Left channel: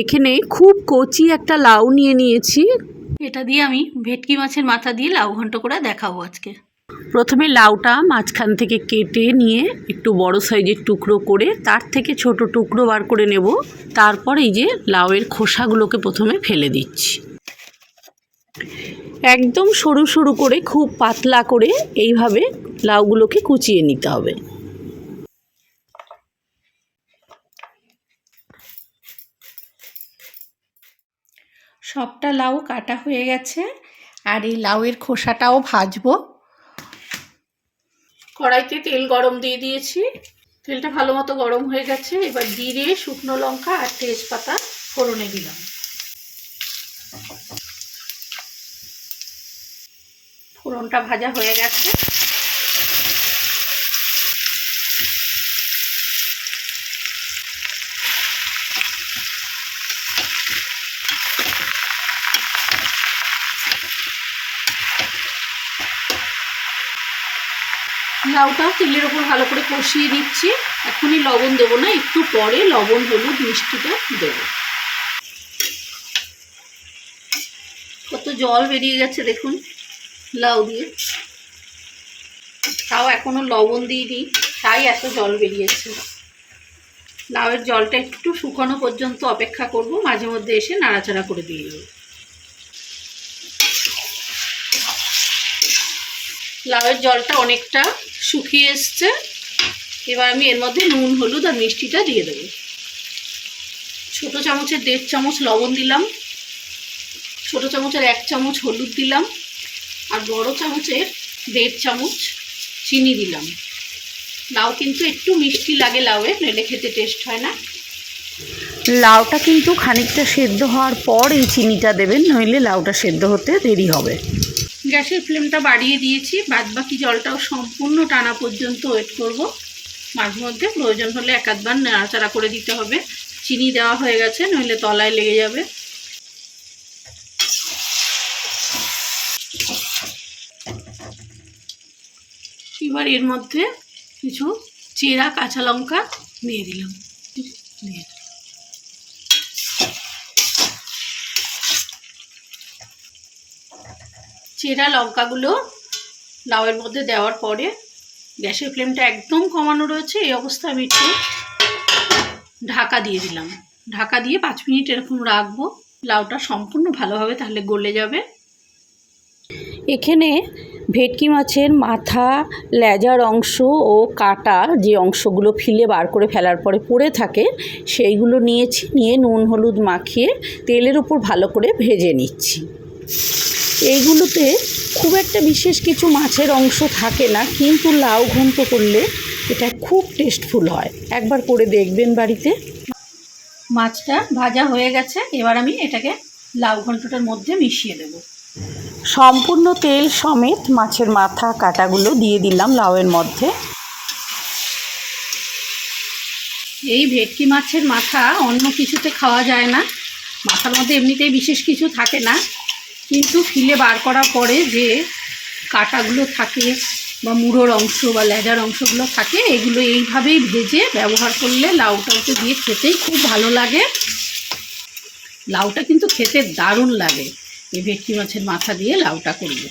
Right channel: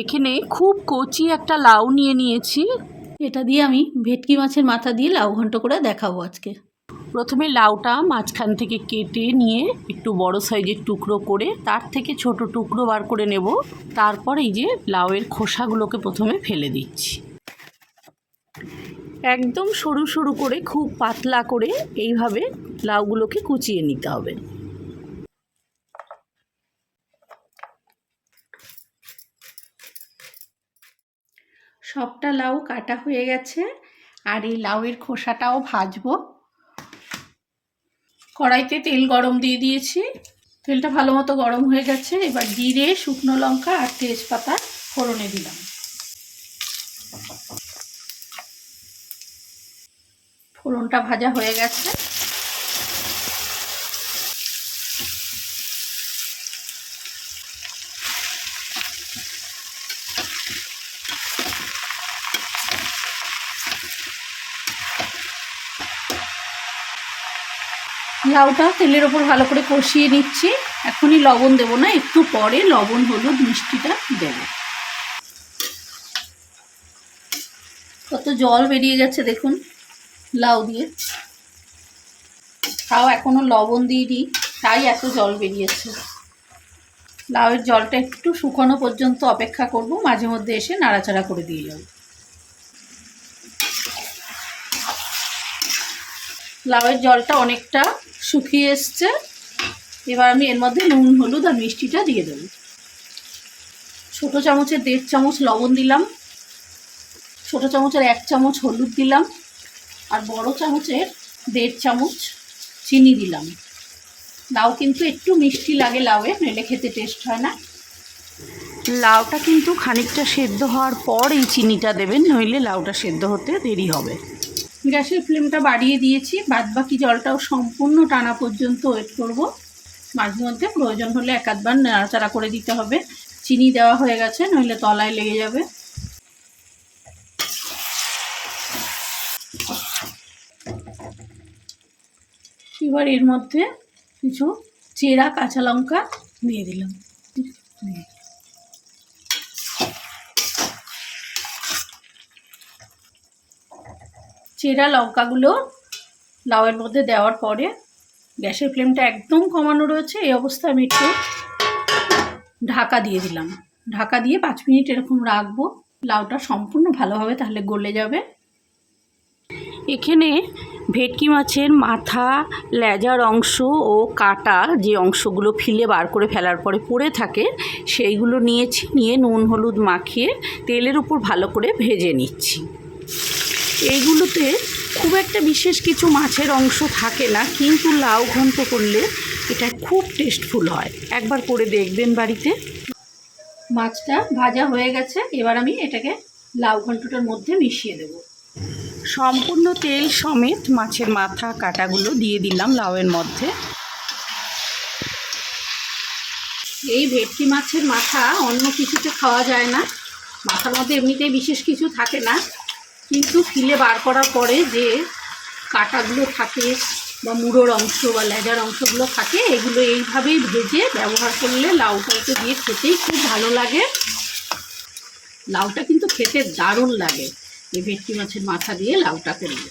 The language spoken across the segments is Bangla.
এখানে খুব কচি একটা লাউ নিয়ে নিয়েছি। এটা দিয়ে আমি ভেটকি মাছের মাথা দিয়ে লাউ ঘন্ট করে দেখাবো আজকে। প্রথমে লাউটা মাঝখান থেকে কেটে নিয়ে একটু বড় সাইজের টুকরো করে তার থেকে ছোট টুকরো বার করে নেব। তারপর এই যে লাউয়ের খোসাগুলোকে প্রথমে ফেলে দিচ্ছি। একদম সরু সরু করে খুব পাতলা করে এইভাবে লাউগুলোকে কুচিয়ে নিতে হবে। সবটা লাউ কাটা হয়ে গেছে, আর এই লাউয়ের খোসাটাও ভাজবো। কড়াইতে তেল গরম দিয়ে দিয়েছি। তেলটা ভালো মতো গরম হয়ে গেছে, এবার জিরে, শুকনো লঙ্কা আর তেজপাতা ফোড়নে দিলাম। ফোড়নটা ভাজা হয়ে গেছে। লাউটা তেলের ওপর ভালো করে কষিয়ে নিচ্ছি। এখনই লবণ দেবো না, একটু পরে লবণ, হলুদ, মিষ্টিটা দেবো। কত জল বেরিয়ে গেছে দেখুন, লাউ দিয়ে। তাও এখনও লবণ দিইনি, তাই এত জল বেরিয়েছে। লাউয়ের জলটা একটু শুকানো পর্যন্ত অপেক্ষা করব, মাঝে মধ্যে এসে নাড়াচাড়া করে দিয়ে যাব। লাউয়ের জলটা অনেকটা শুকিয়ে এসছে। এবার আমি এর মধ্যে নুন, হলুদ আর মিষ্টিটা দিয়ে দেবো। ছোটো চামচের দেড় চামচ লবণ দিলাম। ছোটো চামচের এক চামচ হলুদ দিলাম। আর বড় চামচের দেড় চামচ চিনি দিলাম। লাউ কিন্তু একটু মিষ্টি লাগে লাউয়ে নইলে খেতে টেস্ট হয় না। লাউটা কিন্তু খানিকটা সেদ্ধ হওয়ার পর এই চিনিটা দেবেন নইলে লাউটা সেদ্ধ হতে দেরি হবে। গ্যাসের ফ্লেমটা বাড়িয়ে দিয়েছি। বাদ বাকি জলটাও সম্পূর্ণ টানা পর্যন্ত ওয়েট করব। মাঝে মধ্যে প্রয়োজন হলে এক আধবার নাড়াচাড়া করে দিতে হবে। চিনি দেওয়া হয়ে গেছে, নইলে তলায় লেগে যাবে। এবার এর মধ্যে কিছু চেরা কাঁচা লঙ্কা দিয়ে দিলাম। দিয়ে চেরা লঙ্কাগুলো লাউয়ের মধ্যে দেওয়ার পরে গ্যাসের ফ্লেমটা একদম কমানো রয়েছে, এই অবস্থায় আমি একটু ঢাকা দিয়ে দিলাম। ঢাকা দিয়ে পাঁচ মিনিট এরকম রাখব, লাউটা সম্পূর্ণ ভালোভাবে তাহলে গলে যাবে। এখানে ভেটকি মাছের মাথা, লেজার অংশ ও কাটা যে অংশগুলো ফিলে বার করে ফেলার পরে পড়ে থাকে, সেইগুলো নিয়েছি, নিয়ে নুন, হলুদ মাখিয়ে তেলের উপর ভালো করে ভেজে নিচ্ছি। এইগুলোতে খুব একটা বিশেষ কিছু মাছের অংশ থাকে না কিন্তু লাউ ঘন্ট করলে এটা খুব টেস্টফুল হয়। একবার করে দেখবেন বাড়িতে। মাছটা ভাজা হয়ে গেছে এবার আমি এটাকে লাউ ঘন্টটার মধ্যে মিশিয়ে দেবো। সম্পূর্ণ তেল সমেত মাছের মাথা কাটাগুলো দিয়ে দিলাম লাউয়ের মধ্যে। এই ভেটকি মাছের মাথা অন্য কিছুতে খাওয়া যায় না। মাথার মধ্যে এমনিতেই বিশেষ কিছু থাকে না। কিন্তু ফিলে বার করার পরে যে কাটাগুলো থাকে বা মুড়োর অংশ বা লেজার অংশগুলো থাকে, এগুলো এইভাবেই ভেজে ব্যবহার করলে লাউটাকে দিয়ে খেতেই খুব ভালো লাগে। লাউটা কিন্তু খেতে দারুণ লাগে এই ভেটকি মাছের মাথা দিয়ে লাউটা করলে।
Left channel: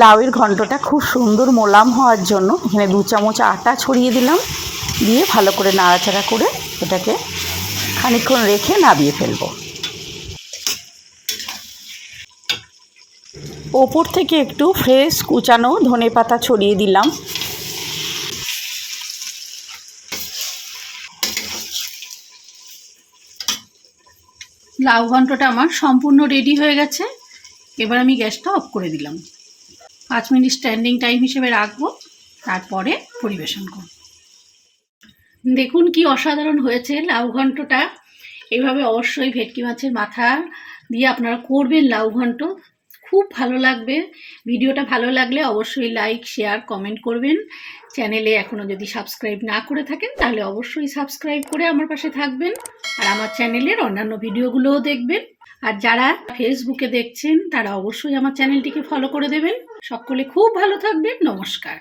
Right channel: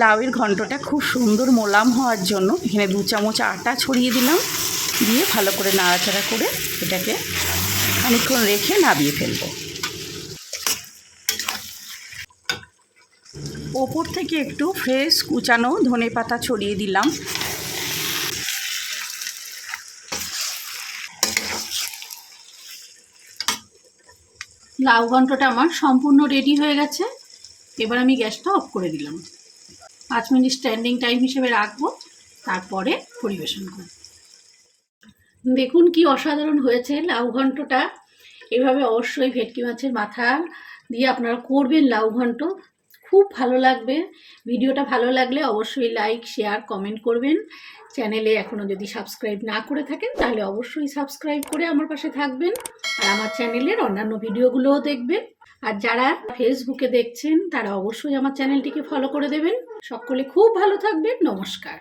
লাউয়ের ঘন্টটা খুব সুন্দর মোলাম হওয়ার জন্য এখানে দু চামচ আটা ছড়িয়ে দিলাম, দিয়ে ভালো করে নাড়াচাড়া করে এটাকে খানিকক্ষণ রেখে নাবিয়ে ফেলব। ওপর থেকে একটু ফ্রেশ কুচানো ধনে পাতা ছড়িয়ে দিলাম। লাউ ঘন্টটা আমার সম্পূর্ণ রেডি হয়ে গেছে। এবার আমি গ্যাসটা অফ করে দিলাম। পাঁচ মিনিট স্ট্যান্ডিং টাইম হিসেবে রাখব। তারপরে পরিবেশন করব। দেখুন কি অসাধারণ হয়েছে লাউ ঘন্টটা। এভাবে অবশ্যই ভেটকি মাছের মাথা দিয়ে আপনারা করবেন লাউ ঘন্ট। খুব ভালো লাগবে। ভিডিওটা ভালো লাগলে অবশ্যই লাইক শেয়ার কমেন্ট করবেন। চ্যানেলে এখনও যদি সাবস্ক্রাইব না করে থাকেন, তাহলে অবশ্যই সাবস্ক্রাইব করে আমার পাশে থাকবেন আর আমার চ্যানেলের অন্যান্য ভিডিওগুলোও দেখবেন। আর যারা ফেসবুকে দেখছেন, তারা অবশ্যই আমার চ্যানেলটিকে ফলো করে দেবেন। সকলে খুব ভালো থাকবেন। নমস্কার।